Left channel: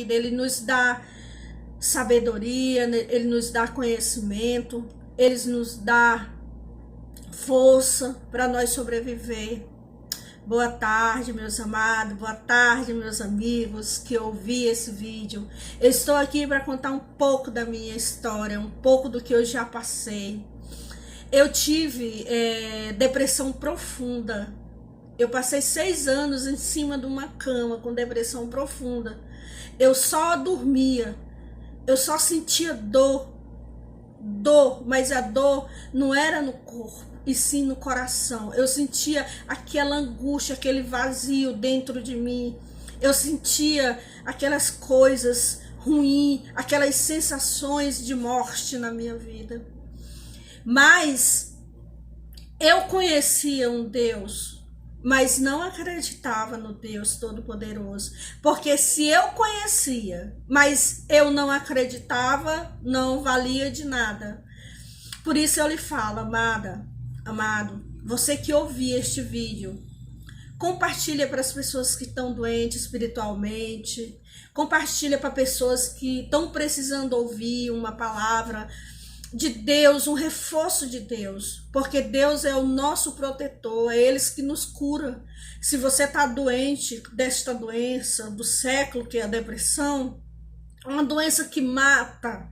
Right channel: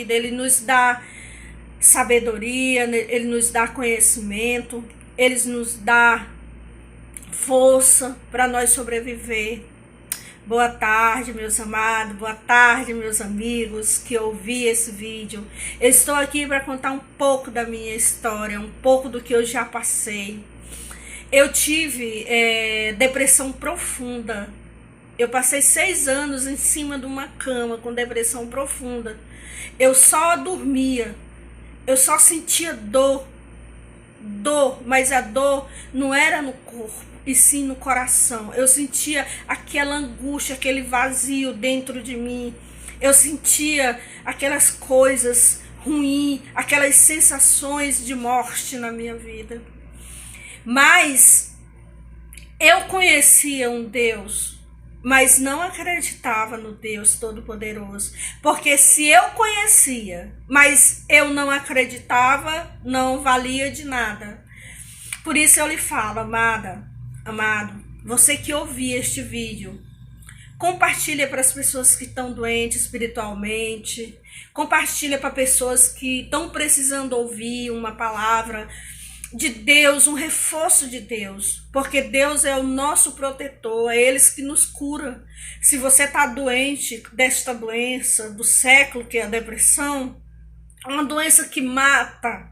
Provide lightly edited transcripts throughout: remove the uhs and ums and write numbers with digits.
Ele nos dá sabedoria, Ele nos dá conhecimento, Ele nos dá força para nós sobreviver. Boa tarde, meus amados, boa tarde, meus amigos que ouvi esse vídeo. Eu estou aqui para contar um pouco da minha história, um pouco do que eu já passei. Eu tive depressão profunda. Eu passei 6 anos em cima de uma cama com depressão profunda. Eu só dormia, eu só sentia dor, mas a dor não era no corpo, e sim no coração. Eu sentia aquela angústia, aquele vazio dentro de mim. Eu sentia aquelas coisas ruins, aquelas sensações de morte na minha vida. Mas eu conhecia um Deus, mas não acreditava no Deus Todo-Poderoso. Porque se eu conhecia, mas eu não acreditava, não valia de nada. Por isso eu lhe falo, amado, você que ouvir este vídeo, compartilha para as pessoas que estão doentes espiritualmente, compartilha para pessoas que estão precisando ouvir uma palavra de Deus, um reforço de Deus, porque Deus é o nosso protetor, é Ele que nos cura. Se você está doente desta doença do século, que é a depressão, uma doença que mata,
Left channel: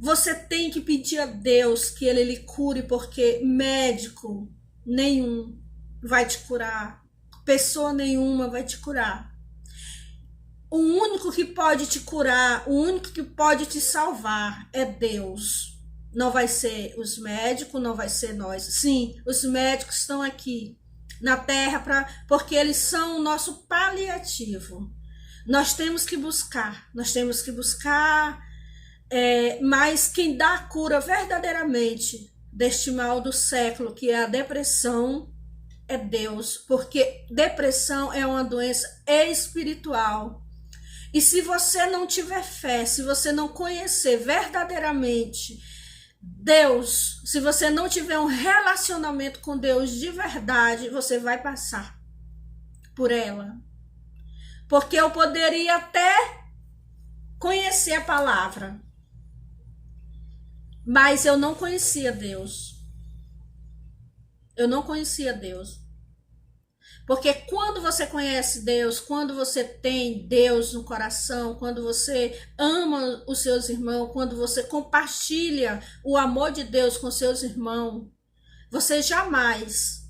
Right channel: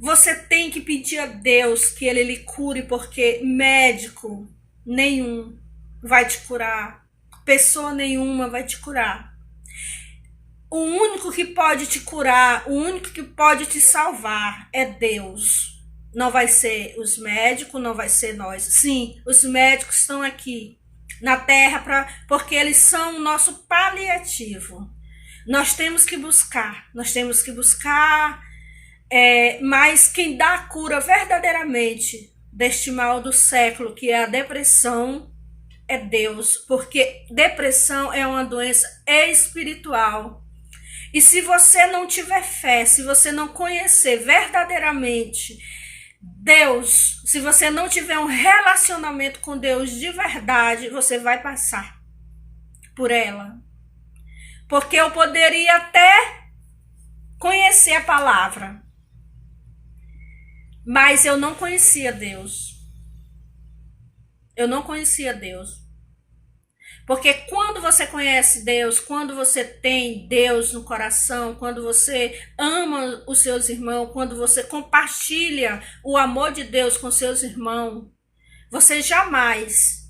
você tem que pedir a Deus que Ele lhe cure, porque médico nenhum vai te curar, pessoa nenhuma vai te curar. O único que pode te curar, o único que pode te salvar é Deus. Não vai ser os médicos, não vai ser nós. Sim, os médicos estão aqui na terra porque eles são o nosso paliativo. Nós temos que buscar, mas quem dá a cura verdadeiramente deste mal do século, que é a depressão, é Deus. Porque depressão é uma doença espiritual. E se você não tiver fé, se você não conhecer verdadeiramente Deus, se você não tiver um relacionamento com Deus de verdade, você vai passar por ela. Porque eu poderia até conhecer a palavra, mas eu não conhecia Deus. Eu não conhecia Deus. Porque quando você conhece Deus, quando você tem Deus no coração, quando você ama os seus irmãos, quando você compartilha o amor de Deus com seus irmãos, você jamais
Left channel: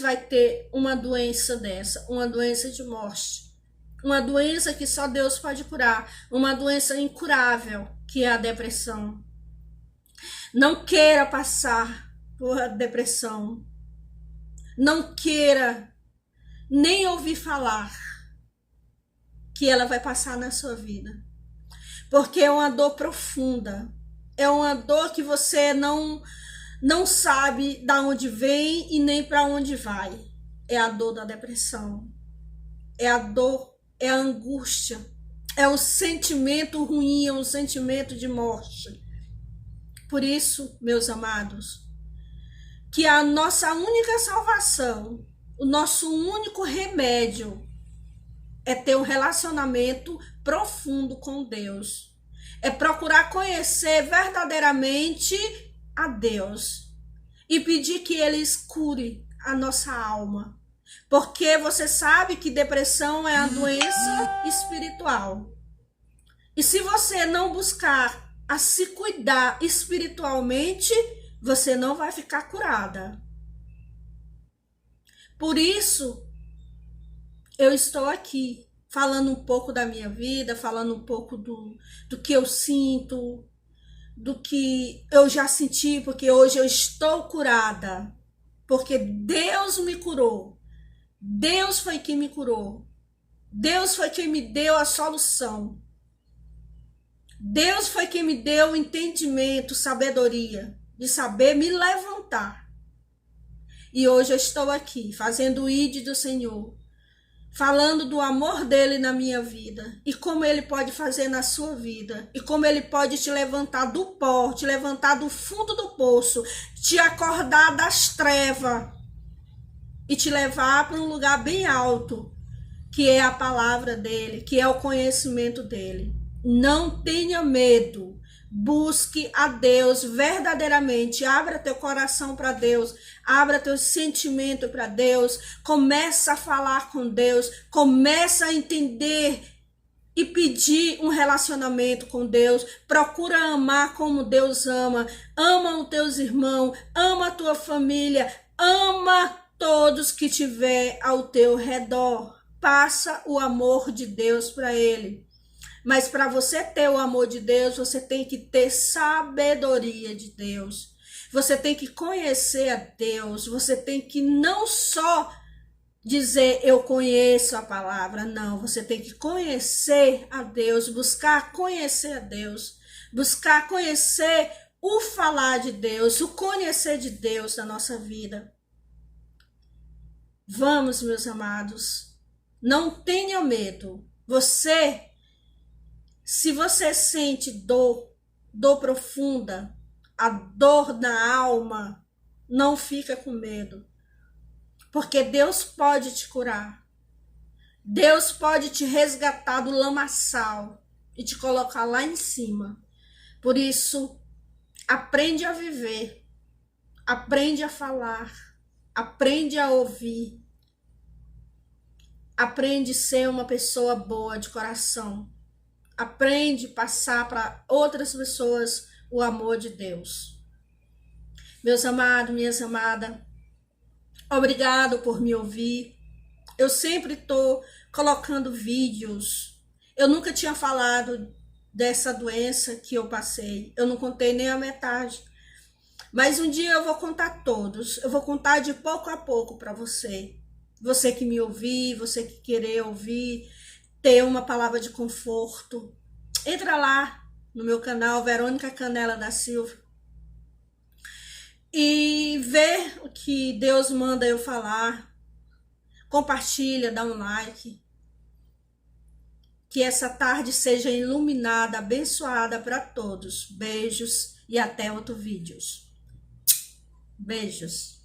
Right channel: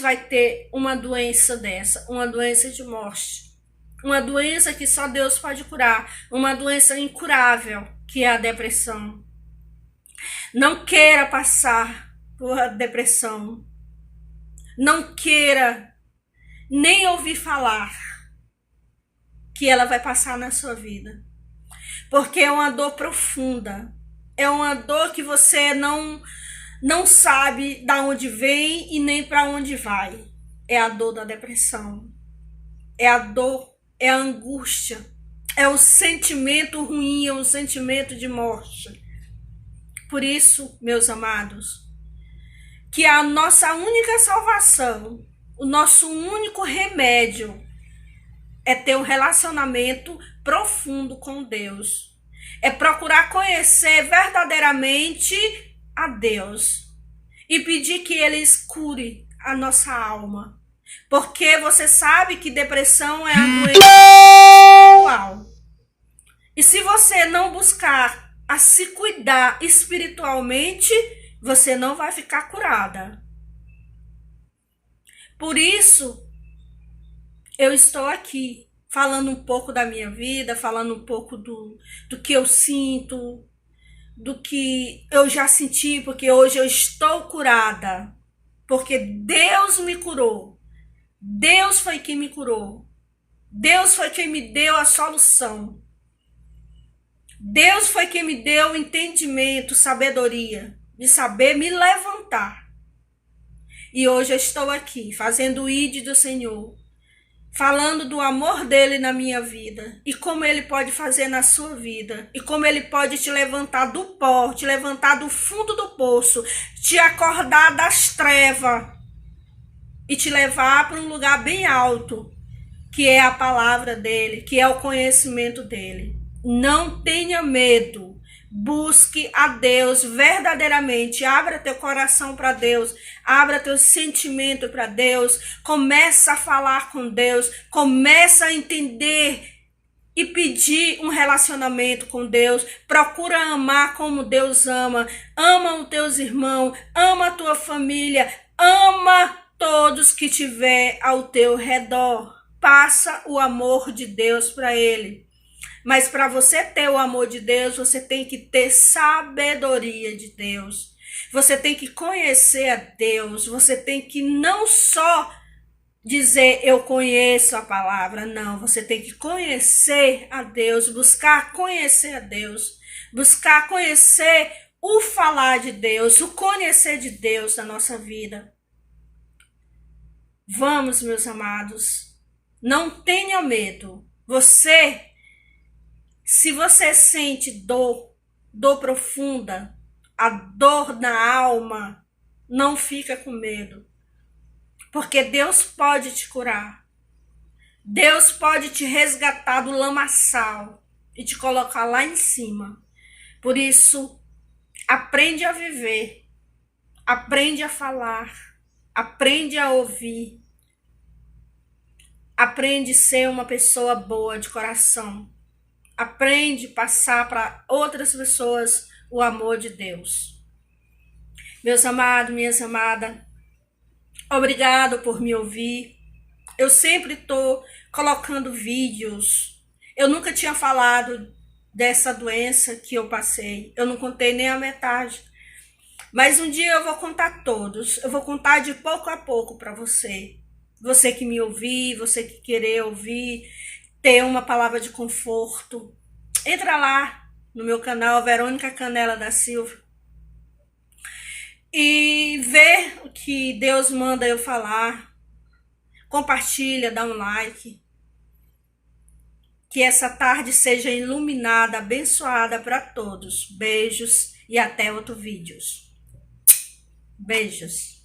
vai ter uma doença dessa, uma doença de morte, uma doença que só Deus pode curar, uma doença incurável, que é a depressão. Não queira passar por depressão. Não queira nem ouvir falar que ela vai passar na sua vida. Porque é uma dor profunda. É uma dor que você não sabe de onde vem e nem para onde vai. É a dor da depressão. É a dor, é a angústia. É um sentimento ruim, é um sentimento de morte. Por isso, meus amados, que a nossa única salvação, o nosso único remédio é ter um relacionamento profundo com Deus. É procurar conhecer verdadeiramente a Deus e pedir que Ele cure a nossa alma. Porque você sabe que depressão é a doença espiritual. E se você não buscar a se cuidar espiritualmente, você não vai ficar curada. Por isso, eu estou aqui falando um pouco da minha vida, falando um pouco do que eu sinto, do que eu já senti, porque hoje eu estou curada. Porque Deus me curou. Deus foi quem me curou. Deus foi quem me deu a solução. Deus foi quem me deu entendimento, sabedoria, de saber me levantar. E hoje eu estou aqui, fazendo o ID do Senhor, falando do amor dele na minha vida, e como ele pode fazer na sua vida, e como ele pode te levantar do pó, te levantar do fundo do poço, te acordar das trevas, e te levar para um lugar bem alto, que é a palavra dele, que é o conhecimento dele. Não tenha medo. Busque a Deus verdadeiramente. Abra teu coração para Deus. Abra teu sentimento para Deus. Começa a falar com Deus. Começa a entender e pedir um relacionamento com Deus. Procura amar como Deus ama. Ama os teus irmãos. Ama a tua família. Ama todos que tiver ao teu redor. Passa o amor de Deus para ele. Mas para você ter o amor de Deus, você tem que ter sabedoria de Deus. Você tem que conhecer a Deus. Você tem que não só dizer eu conheço a palavra. Não, você tem que conhecer a Deus. Buscar conhecer a Deus. Buscar conhecer o falar de Deus. O conhecer de Deus na nossa vida. Vamos, meus amados. Não tenha medo. Se você sente dor profunda, a dor na alma, não fica com medo. Porque Deus pode te curar. Deus pode te resgatar do lamaçal e te colocar lá em cima. Por isso, aprende a viver. Aprende a falar. Aprende a ouvir. Aprende a ser uma pessoa boa de coração. Aprende a passar para outras pessoas o amor de Deus. Meus amados, minhas amadas, obrigado por me ouvir. Eu sempre estou colocando vídeos. Eu nunca tinha falado dessa doença que eu passei. Eu não contei nem a metade. Mas um dia eu vou contar todos. Eu vou contar de pouco a pouco para você. Você que me ouvir, você que querer ouvir, ter uma palavra de conforto. Entra lá no meu canal, Verônica Canela da Silva. E vê o que Deus manda eu falar. Compartilha, dá um like. Que essa tarde seja iluminada, abençoada para todos. Beijos e até outro vídeo. Beijos.